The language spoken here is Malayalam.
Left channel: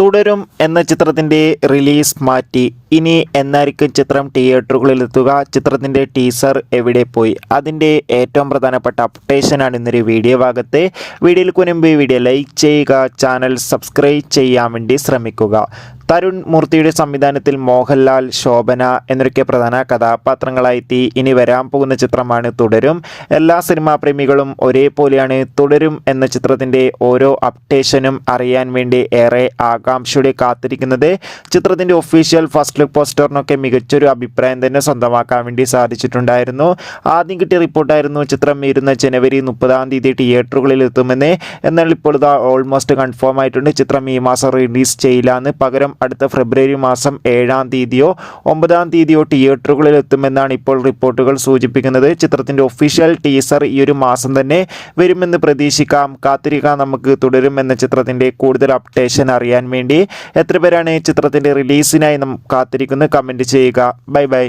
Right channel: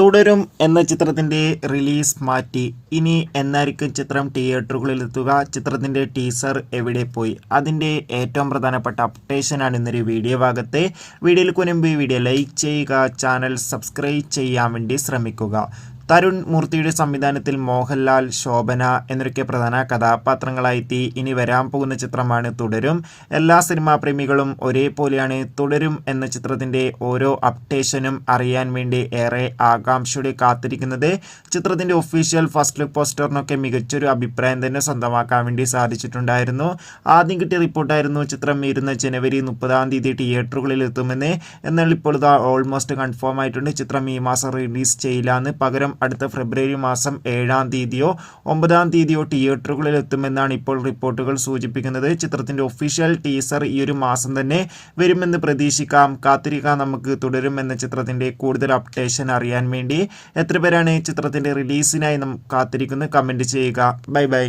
തുടരും എന്ന ചിത്രത്തിൻ്റെ റിലീസ് മാറ്റി. ഇനി എന്നായിരിക്കും ചിത്രം തിയേറ്ററുകളിലെത്തുക? ചിത്രത്തിൻ്റെ ടീസർ എവിടെ പോയി? അതിൻ്റെ ഏറ്റവും പ്രധാനപ്പെട്ട അപ്ഡേഷനാണ് ഇന്നൊരു വീഡിയോ ഭാഗത്ത്. വീഡിയോയിൽ മുൻപ് വീഡിയോ ലൈക്ക് ചെയ്യുക, ചാനൽ സബ്സ്ക്രൈബ് ചെയ്യാൻ വേണ്ടി ശ്രമിക്കുക. തരുൺ മൂർത്തിയുടെ സംവിധാനത്തിൽ മോഹൻലാൽ, ശോഭന എന്നൊക്കെ പ്രധാന കഥാപാത്രങ്ങളായെത്തി ഇനി വരാൻ പോകുന്ന ചിത്രമാണ് തുടരും. എല്ലാ സിനിമാ പ്രേമികളും ഒരേപോലെയാണ് തുടരും എന്ന ചിത്രത്തിൻ്റെ ഓരോ അപ്ഡേഷനും അറിയാൻ വേണ്ടി ഏറെ ആകാംക്ഷയോടെ കാത്തിരിക്കുന്നത്. ചിത്രത്തിൻ്റെ ഒഫീഷ്യൽ ഫസ്റ്റ് ലുക്ക് പോസ്റ്ററിനൊക്കെ മികച്ചൊരു അഭിപ്രായം തന്നെ സ്വന്തമാക്കാൻ വേണ്ടി സാധിച്ചിട്ടുണ്ടായിരുന്നു. ആദ്യം കിട്ടിയ റിപ്പോർട്ടായിരുന്നു ചിത്രം വരുന്ന ജനുവരി 30 തിയേറ്ററുകളിൽ എത്തുമെന്ന്. എന്നാൽ ഇപ്പോൾ ഇത് ഓൾമോസ്റ്റ് കൺഫേം ആയിട്ടുണ്ട്. ചിത്രം ഈ മാസം റിലീസ് ചെയ്യില്ലാന്ന്, പകരം അടുത്ത ഫെബ്രുവരി മാസം 7 9 തിയേറ്ററുകളിൽ എത്തുമെന്നാണ് ഇപ്പോൾ റിപ്പോർട്ടുകൾ സൂചിപ്പിക്കുന്നത്. ചിത്രത്തിൻ്റെ ഒഫീഷ്യൽ ടീസർ ഈ ഒരു മാസം തന്നെ വരുമെന്ന് പ്രതീക്ഷിക്കാം. കാത്തിരിക്കാം നമുക്ക് തുടരും എന്ന ചിത്രത്തിൻ്റെ കൂടുതൽ അപ്ഡേഷൻ അറിയാൻ വേണ്ടി. എത്ര പേരാണ് ചിത്രത്തിൻ്റെ റിലീസിനായി കാത്തിരിക്കുന്നത്? കമൻറ്റ് ചെയ്യുക. Bye bye.